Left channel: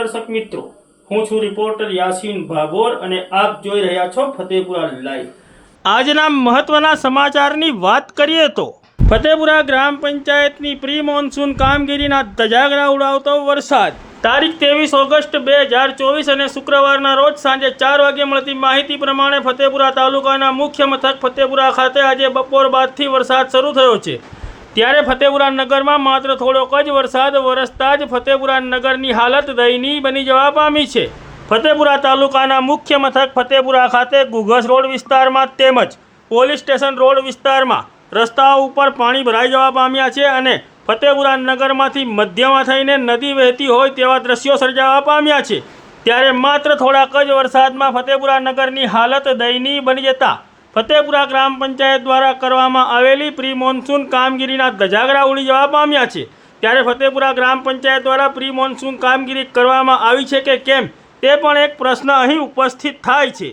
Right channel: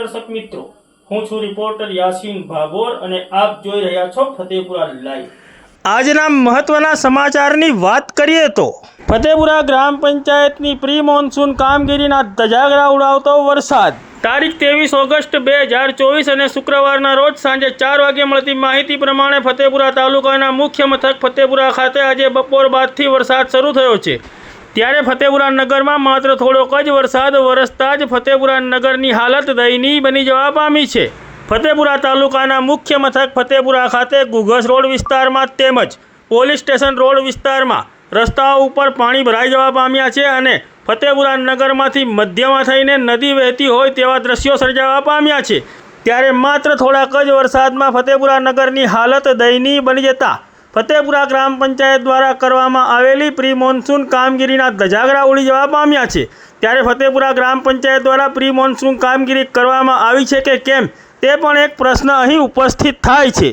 दर्शक मित्रों, हूँ छू रिपोर्टर यासीन भाभोर અને આપ જોઈ રહ્યા છો ફતેપુરા લાઈવ। આજના મહત્વના સમાચારની વાત કરીએ તો ફતેપુરા ગ્રામ પંચાયતની પ્રી મોન્સૂન કામગીરીના ધજાગરા ઉડાવતો વરસાદ। તારીખ 23 ઓગસ્ટ 2024 અને શુક્રવારના રોજ સાંજે 4 વાગે મળતી માહિતી પ્રમાણે ફતેપુરા તાલુકાના મુખ્ય મથક ફતેપુરા ખાતે આજે બપોર બાદથી વરસાદ શરૂ થયો છે। ત્યારે ફતેપુરા નગરમાં માત્ર થોડોક જ વરસાદ વરસતા જ ફતેપુરા નગરની હાલત દયનીય બની જવા પામી છે। ફતેપુરા તાલુકાના મુખ્ય મથક ફતેપુરા ખાતે ઘુઘસ રોડ વિસ્તારમાં તેમજ પોલીસ સ્ટેશન રોડ વિસ્તારમાં રસ્તાઓ ઉપર પાણી ભરાઈ જવા પામ્યા છે અને ફતેપુરા નગરમાંથી મધ્યમાં થઈને નદી વહેતી હોય તેવા દ્રશ્યો સર્જાવા પામ્યા છે। ત્યારે માત્ર થોડાક જ વરસાદમાં ફતેપુરા નગરની હાલત દયનીય બની જતા ફતેપુરા ગ્રામ પંચાયત દ્વારા કરવામાં આવેલી પ્રી મોન્સૂન કામગીરીના ધજાગરા ઉડી જવા પામ્યા છે। ત્યારે ફતેપુરા ગ્રામ પંચાયત દ્વારા પ્રી મોન્સૂન કામગીરી કરવામાં આવી છે કે કેમ તે પણ એક પ્રશ્ન અહીં ઉપસ્થિત થાય છે।